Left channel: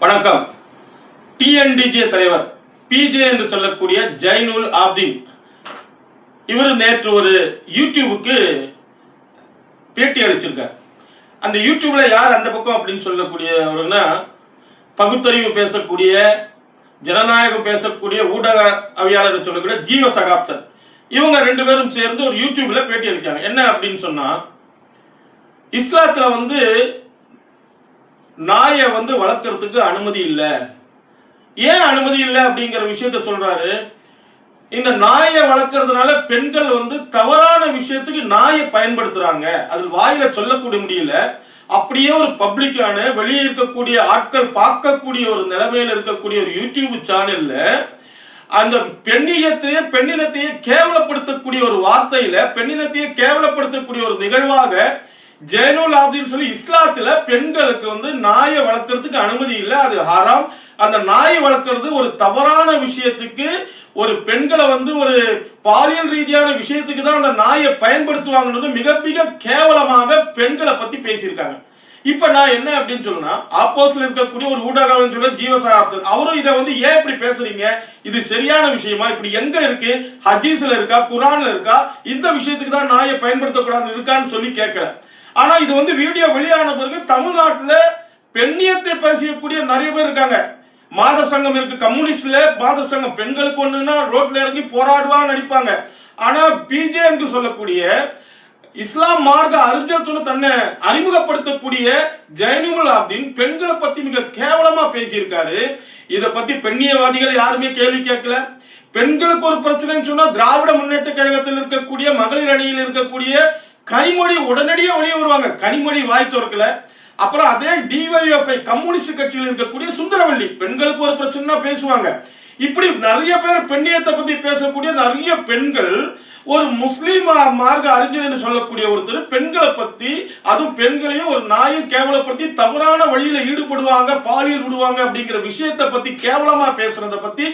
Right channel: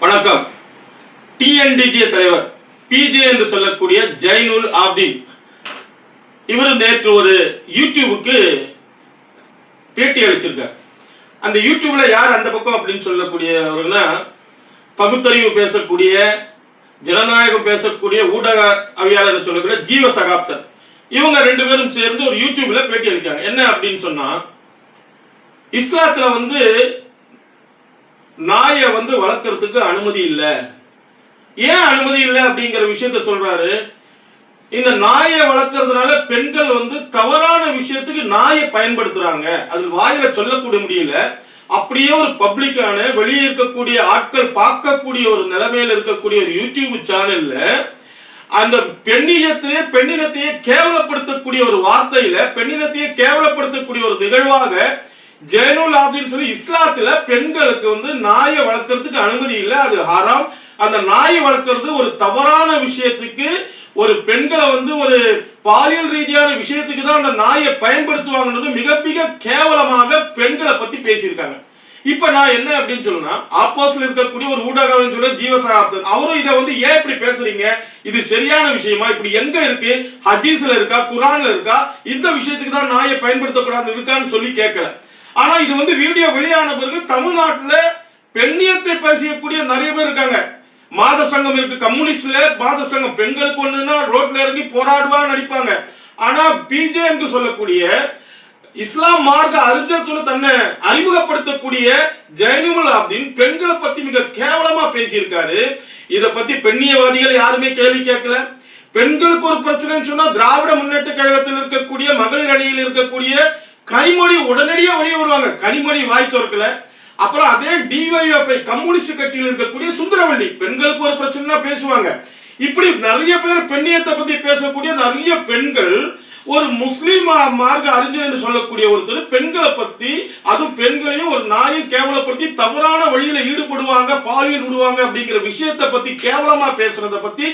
வணக்கம். டிஎன்டிஜே தலைவர் பிஜே என்று சொல்லக்கூடிய ஜைனுல் ஆப்தீன் இவர் நேற்று ஒரு யூடியூபுக்கு பேட்டி அளிச்சிருக்கார். அந்த யூடியூப்ல யார் அந்த பக்கம் அப்படின்னு சொல்லக்கூடியவர்னா, பகுத்தறிவு பேசக்கூடிய, ஜனநாயகம் பேசக்கூடிய ஊடக அவியாளர் சொல்லக்கூடிய ஜீவ சகாப்தன், இவங்க ரெண்டு பேரும் சேர்ந்து ஒரு யூடியூப்ல பேட்டி அளிக்காங்க. என்ன அப்படின்னு சொன்னா, இஸ்லாத்துல நாயை வளர்க்கறதுக்கு அனுமதி இல்லை. ஏன் அனுமதி இல்லை அப்படிங்கிற விஷயத்த சொல்றாரு. இந்த நாயை வளர்க்கறதுனால பெண்கள் தவறான விஷயத்துக்கு நாயை பயன்படுத்துறாங்க. அதில் வாயில சொல்லக்கூடிய முடியல. அப்படியே ஒரு பப்ளிக்கான வெளியே இருக்கக்கூடிய ஆட்கள் பார்க்கக்கூடிய ஒரு நிலைமையில இருக்கக்கூடிய ஒரு யூடியூப் சேனல்ல அந்த பெண்ணினத்தையே கேவலப்படுத்தக்கூடிய ஒரு வார்த்தையில பெண்ணினத்தையே கேவலப்படுத்தக்கூடிய ஒரு நிகழ்வாக ஜைனுல் ஆப்தீன் சொல்லி இஸ்லாத்துல பெண்களுக்கு நாயை வளர்க்கறதுக்கு அனுமதி இல்லை, அது ஹராம். அந்த நாயை வளர்க்கறது ஒரு தவறான விஷயத்துக்கு, ஒரு பெண்களை ஒரு பாலியல் ரீதியான விஷயத்துக்கு தான் அந்த நாயை பயன்படுத்துவாங்கன்னு மிக மிக கேவலமாக பெண்களை பத்தி பேசியிருக்காங்க. இப்ப நான் என்ன அப்படின்னு சொன்னா, ஆப்போசிட்ல இருக்கக்கூடிய ஒரு ஊடகம் சொல்ல ஜீவசகாப்தன் அவரும் இதை ஏன் இப்படி பேசுறீங்க, இது சரியான விஷயமா, இப்படி எங்க இருக்கு, ஹதீஸ்ல இருக்கா, குர்ஆன்ல இருக்கா, இந்த விஷயத்துக்கு தான் நாயை பயன்படுத்தக்கூடாது இருக்கான்னு சொல்லி கேட்கல. ஆனா இது வீடியோ வெளியான பிறகு தமிழ்நாட்டுல பெண்ணியத்தை பேசக்கூடிய நிறைய பேர் இருக்காங்க. மாத சங்கம் இருக்கு, கம்யூனிஸ்ட்ல மாத சங்கம், பெண்களுக்கு ஒண்ணுன்னா ரோட்ல இறங்கி போராடுவா நடிப்பாங்க. ஆனா பிஜே என்று சொல்லக்கூடிய இஸ்லாம் மார்க்க அறிஞர் சொல்ல தன்னை அறிமுகப்படுத்தக்கூடிய ஜைனுல் ஆப்தீன் பெண்களை பத்தி மிக கேவலமா பேசியிருக்காரு. இதை பத்தி பெண்ணியவாதிகள் யாருமே கேள்வி கேட்கல. பெண்களுக்கு ஒரு பிரச்சனைன்னு சொன்னா திராவிட முன்னேற்ற கழகத்தில் இருக்கக்கூடிய மகளிர் அணியில் இருக்கக்கூடிய கனிமொழி உடனடியே வெளியே வருவாங்க. கனிமொழி வாய் திறக்கல. அப்புறம் அதே டிவைஎஃப்ஐ கம்யூனிஸ்ட் கட்சியில் இருக்கக்கூடிய சுந்தரவல்லி பெண்களுக்கு ஒரு பிரச்சனை பேசுவாங்க. இப்படி நிறைய பேர் பெண்ணியத்தை பத்தி பேசக்கூடிய நிறைய பெண்கள், ஒரு முஸ்லீம் மார்க்க அறிஞர் என்று சொல்லக்கூடிய ஒருத்தர் பெண்களை பத்தி, அதுவும் பெண்களையும் ஒரு நாயை கேவலப்படுத்தி தவறான வழியில ஈடுபடுவாங்க, பாலியல் விடுவாங்க அப்படிங்கிற விஷயத்தை பத்தி கேவலமா பேசுறத பத்தி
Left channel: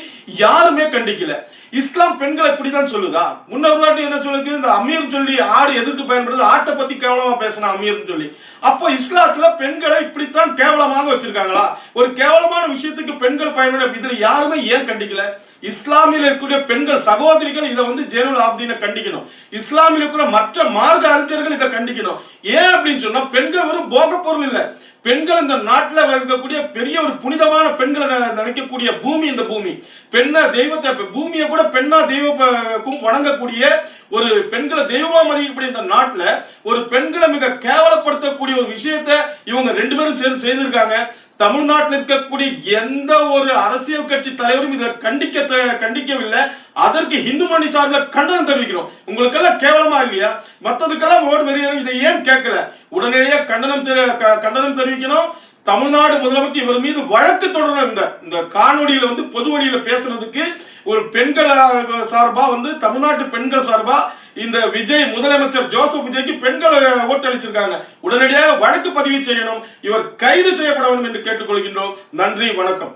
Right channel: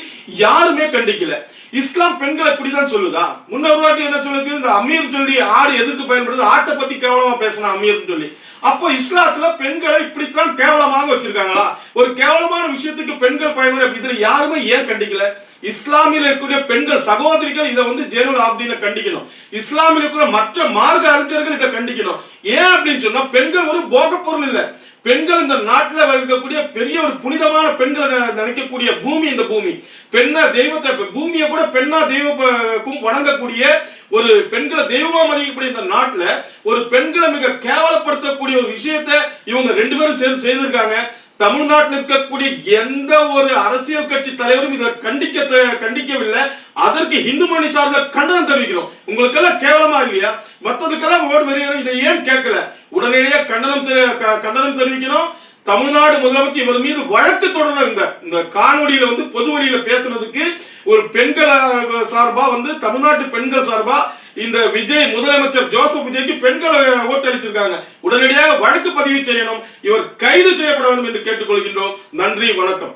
யாருமே கண்டிக்கல. இஸ்லாம் பெண்களை இப்படிதான் சொல்லுதா? முன்னொரு வாட்டி என்ன சொல்லுது, இந்த அமீர் சொல்லி ஆடு எதற்கு பயன்படுது, ஆட்டை பத்தி கேவலமா பேசின அமீர் சொல்லி. அப்போ இஸ்லாத்துல பெண்களை இப்படித்தான் கேவலமாக வச்சிருக்காங்களா? ஒரு கேவலமான விஷயத்துக்கு பெண்கள் பயன்பட இதுல யாருமே ஏன் கண்டிக்கல? இஸ்லாமியில் இருக்கக்கூடிய பெண்கள் சகோதரிகள் இதை ஜைனுல் ஆப்தீனை கண்டிக்கணும். இஸ்லாமில் இருக்கிற மற்ற மார்க்க அறிஞர்கள் இதை கண்டிக்கணும். ஏன் அப்படின்னு சொன்னா, பெண்கள் ஒரு போக பொருள் இல்லை. பெண்கள் இந்த நாட்டில் இருக்கக்கூடிய பெரிய ஒரு புனிதமான பெண்களை நினைக்கக்கூடிய பூமி இந்த பூமி. பெண்ணா தெய்வத்தை, பூமியை கூட பெண்ணா தெய்வம் வணங்கக்கூடிய ஒரு பெண்களை தெய்வமா மதிக்கக்கூடிய இந்த நாட்டில் ஒரு பெண்களை மிக கேவலப்படுத்தக்கூடிய ஒரு விஷயத்தை இவங்க ரெண்டு பேரும் சேர்ந்து செய்திருக்காங்க. தமிழ்நாட்டில் இருக்கக்கூடிய எந்த ஒரு அரசியல் கட்சி தலைவரும் இதை கண்டிக்கவில்லை. அதற்கு இந்து மணி சார்பில் கண்டனம் தெரிவிக்கிறோம். உங்களுக்கு எல்லாம் கேவலமா இல்லையா? மற்றதுக்கெல்லாம் ஓடு வெளியேறும், இதை ஏன் கேட்கல? உடனடியாக கண்டனம் தெரிவிக்கணும். தமிழ்நாடு முதலமைச்சர் இவர் மீது வழக்கு தொடரணும். இந்த காணொலியில பொது வழியில பேசுறதுக்கு ஒரு பெண்கள் சார்பா தமிழ்நாட்டு பெண்கள் சார்பா இந்த விஜய் முதலமைச்சர் ஜோசப் விஜய்க்கு பெண்கள் ஓட்டளிச்சிருக்காங்க. உடனடியாக வழக்கு பதிவு செய்யணும். இவர் கைது செய்யப்பட வேண்டும் என்று கேட்டுக்கொள்கின்றோம். நன்றி, வணக்கம்.